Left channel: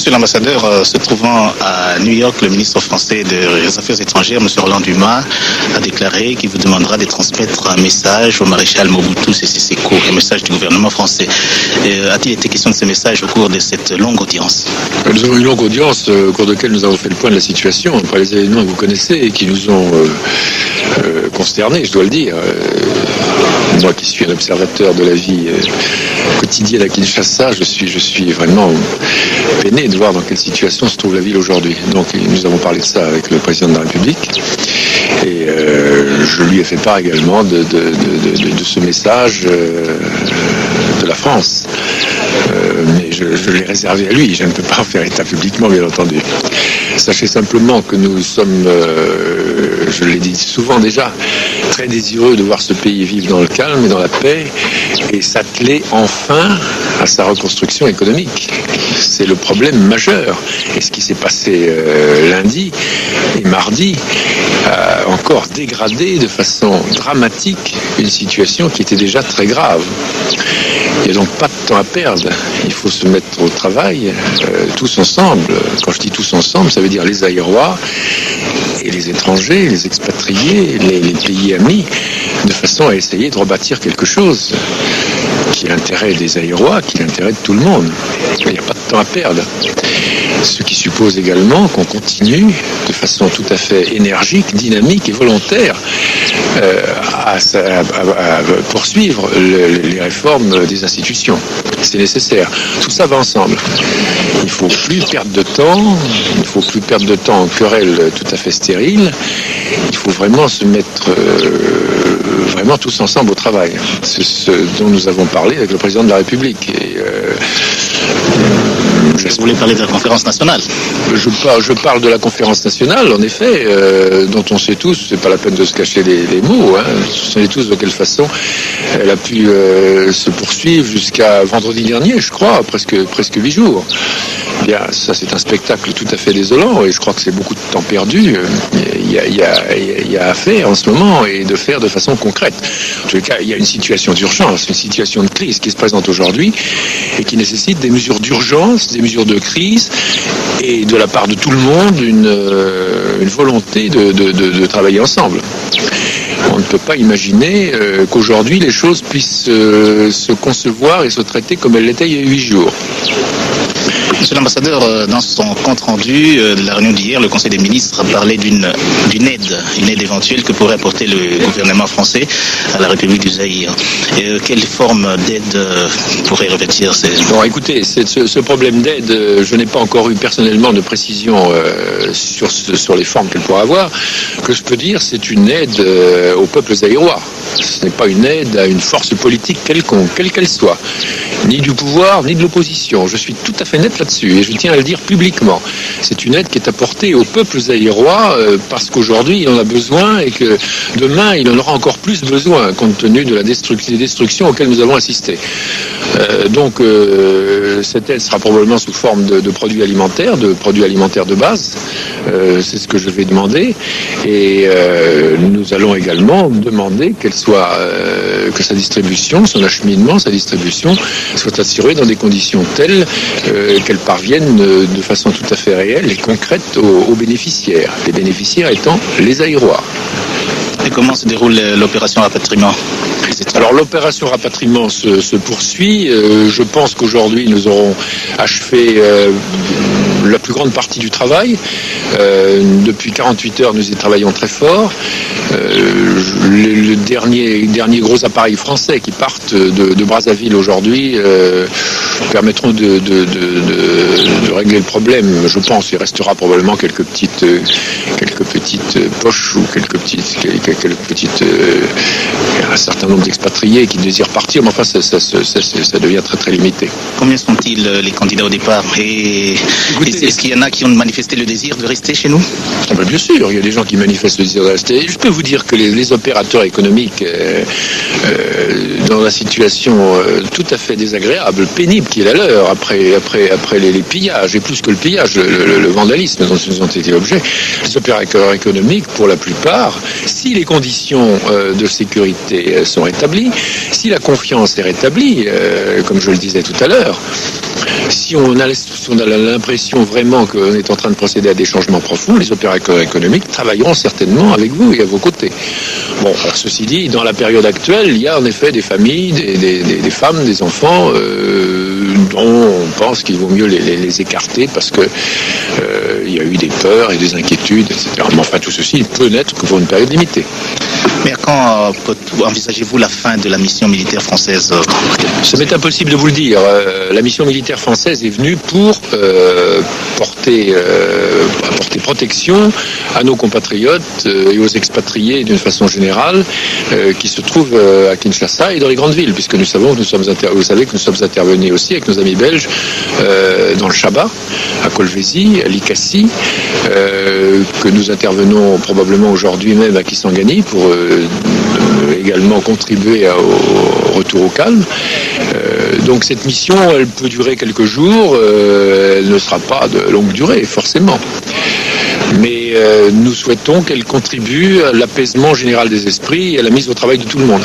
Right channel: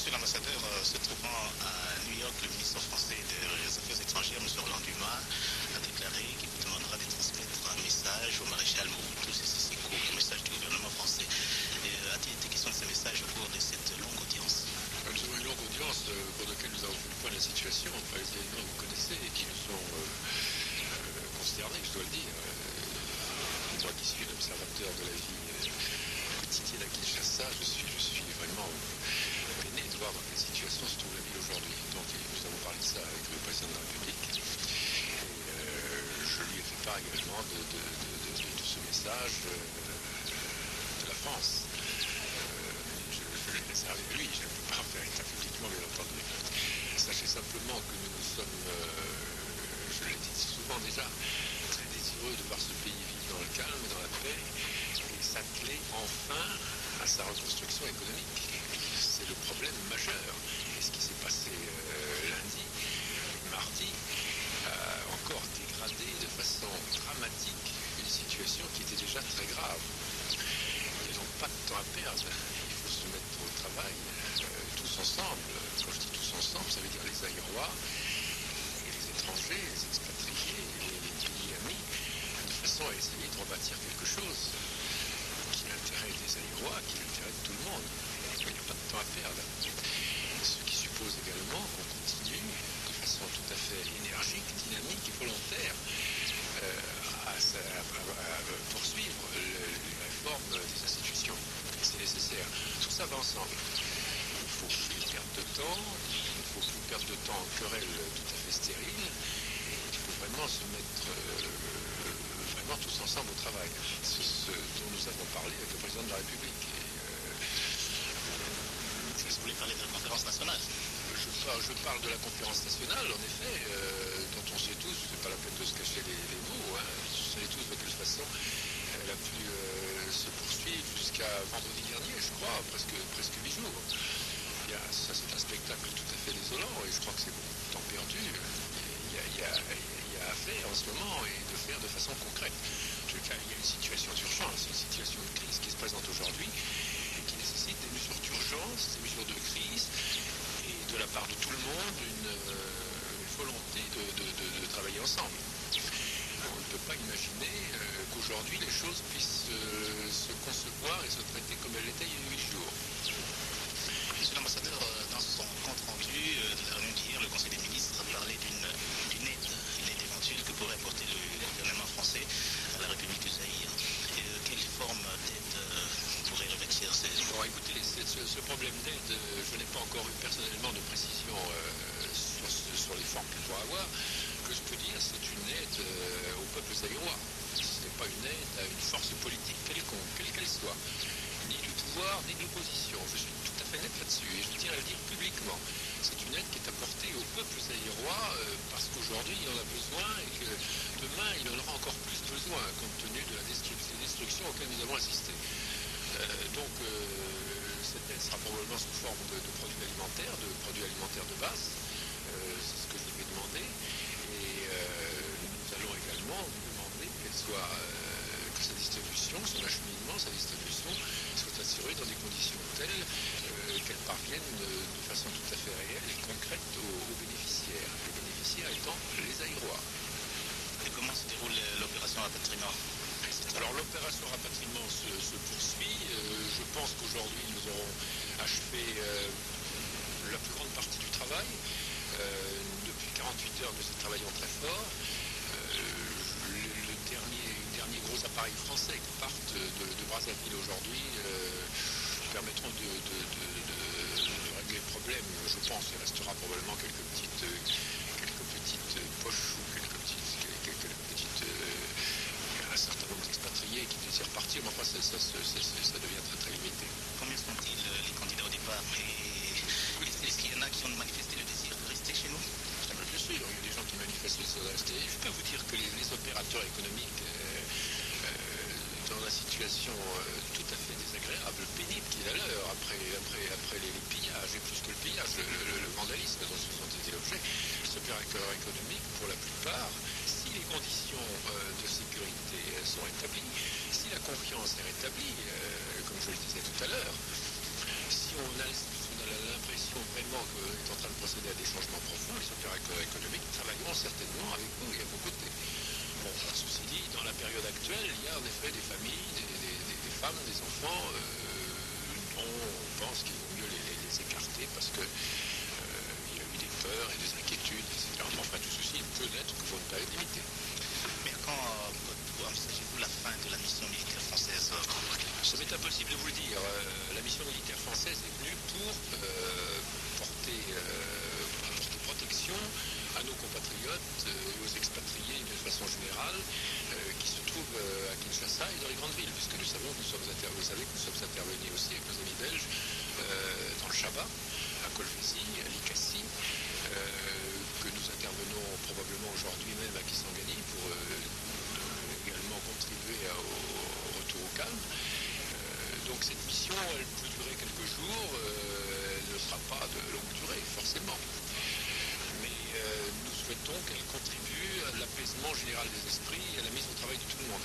Monsieur l'ambassadeur, se trouvant à New York, le ministre français des Affaires étrangères, M. Roland Dumas, a déclaré qu'il vous demandera de transmettre un message au maréchal Mobutu Sese Seko, un message du gouvernement français. A-t-il été question de ce message au cours de cette longue audience? Nous avons eu une longue audience au cours de laquelle nous avons fait le point de la situation, après les événements que vous connaissez et qui nous ont consternés, je dois le dire. Moi qui suis un observateur de la vie quotidienne à Kinshasa, je suis vraiment peiné de voir dans quelle situation se trouve la ville aujourd'hui. Donc nous avons parlé de ça avec le président de la République et je lui ai fait part également de ce message de la France. Mais je l'ai réservé à lui, je ne peux pas en faire état publiquement, bien entendu. Sachez simplement que nous sommes, je l'ai dit souvent déjà, très désireux de voir ce pays vivre dans le calme et dans la paix et s'atteler enfin à sa reconstruction économique. C'est le problème majeur. Et ce qui s'est passé lundi et mardi a encore dégradé de façon dramatique une situation qui était déjà très grave. Il n'y a donc pas de temps à perdre. Il faut se mettre au travail, tous ensemble. Quand je dis tous ensemble, ça veut dire les Aïrois et les étrangers, les expatriés, les pays amis, de façon à essayer de rebâtir quelque chose qui est l'intérêt des Aïrois, qui est l'intérêt de tout le monde. Il n'y a pas de temps à perdre. Ce qui suppose également qu'on continue de façon tout à fait énergique, dynamique et volontaire à poursuivre les réformes des institutions. C'est nécessaire. Tout ça va ensemble. Il ne faut plus perdre de temps. Il ne faut plus perdre de temps en querelles tout à fait stériles. Il faut vraiment se mettre vraiment tous ensemble au travail. C'est ce dont nous avons parlé avec le président de la République. Et, vous voulez parler de la conférence nationale? Je parle de la conférence nationale, en effet, dont on sait tous, c'est pas la peine de se cacher les mots, hein, on sait tous de quelle façon elle a pu se poursuivre jusqu'à vendredi dernier, je crois, presque 8 jours. Bien, ça c'est un spectacle tout à fait désolant et je crois que c'est beaucoup de temps perdu. Il y a à faire en ce moment et de faire de façon concrète. En tout cas, il y a une situation d'urgence, une situation de crise qui se présente aujourd'hui et qui nécessite des mesures d'urgence, des mesures de crise et de la part de tout le monde une volonté de travailler ensemble. On ne peut pas imaginer qu'aujourd'hui les choses puissent se concevoir et se traiter comme elles l'étaient il y a 8 jours. Monsieur l'ambassadeur, dans son compte rendu de la réunion d'hier, le Conseil des ministres a parlé d'une aide éventuelle que pourrait apporter le gouvernement français à la République du Zaïre. Quelle forme d'aide pourrait revêtir ces... Bon, écoutez, ce problème d'aide, je n'ai pas encore eu personnellement de précision sur les formes qu'elle pourra avoir. Que je peux dire, c'est une aide au peuple zaïrois. Ce n'est pas une aide à une force politique quelconque, quelle qu'elle soit, ni du pouvoir, ni de l'opposition. Je suis tout à fait net là-dessus et je tiens à le dire publiquement. C'est une aide qui est apportée au peuple zaïrois parce qu'aujourd'hui il en a besoin et que demain il en aura encore plus besoin compte tenu de des destructions auxquelles nous avons assisté. Donc cette aide sera probablement sous forme de produits alimentaires de base. C'est ce que je vais demander et nous allons également demander que sa distribution, son acheminement, sa distribution soit assurée dans des conditions telles qu'elle parvienne de façon tout à fait réelle et concrète aux bénéficiaires. Les bénéficiaires étant les Aïrois. Et comment se déroule l'opération rapatriement? Alors l'opération rapatriement se poursuit. Je pense qu'aujourd'hui nous aurons achevé la plus grande partie du travail. Depuis 48 heures, nous y travaillons très fort. Le dernier gros appareil français qui partent de Brazzaville aujourd'hui permettront de régler le problème. Je pense il restera probablement quelques petites poches ou un certain nombre d'expatriés qui désirent partir, mais enfin ça devient très très limité. Combien sont-ils les candidats au départ? Et est-ce qu'il y en a qui ont manifesté le désir de rester chez nous? Bien sûr, il y a des gens qui manifestent le désir de rester. Je peux vous dire que les opérateurs économiques, dans la situation tout à fait désagréable, pénible qui est la leur, après les pillages, et plus que le pillage, le vandalisme dont ils ont été objets, les opérateurs économiques, pour la plupart, si les conditions de sécurité sont rétablies, si la confiance est rétablie, comme je le disais tout à l'heure, Si on a l'impression vraiment qu'on est en train de procéder à des changements profonds, les opérateurs économiques travailleront certainement avec vous et à vos côtés. Bon, alors ceci dit, dans la période actuelle, il y a en effet des familles, des femmes, des enfants dont on pense qu'il vaut mieux les écarter parce que il y a eu des peurs et des inquiétudes, etc. Mais enfin, tout ceci peut n'être que pour une période limitée. Mais quand envisagez-vous la fin de la mission militaire française? Ça m'est impossible de vous le dire. La mission militaire française est venue pour apporter protection à nos compatriotes et aux expatriés d'une façon générale qui se trouvent à Kinshasa et dans les grandes villes, puisque nous savons que vous savez que nous sommes intervenus aussi avec nos amis belges dans le Chaba, à Kolwezi, à Likassi, que nous intervenons probablement aujourd'hui même à Kisangani pour également contribuer au retour au calme. Donc cette mission, elle peut durer quelques jours, elle ne sera pas de longue durée, forcément. Mais nous souhaitons qu'elle contribue à l'apaisement général des esprits et à la mise au travail de tout le monde.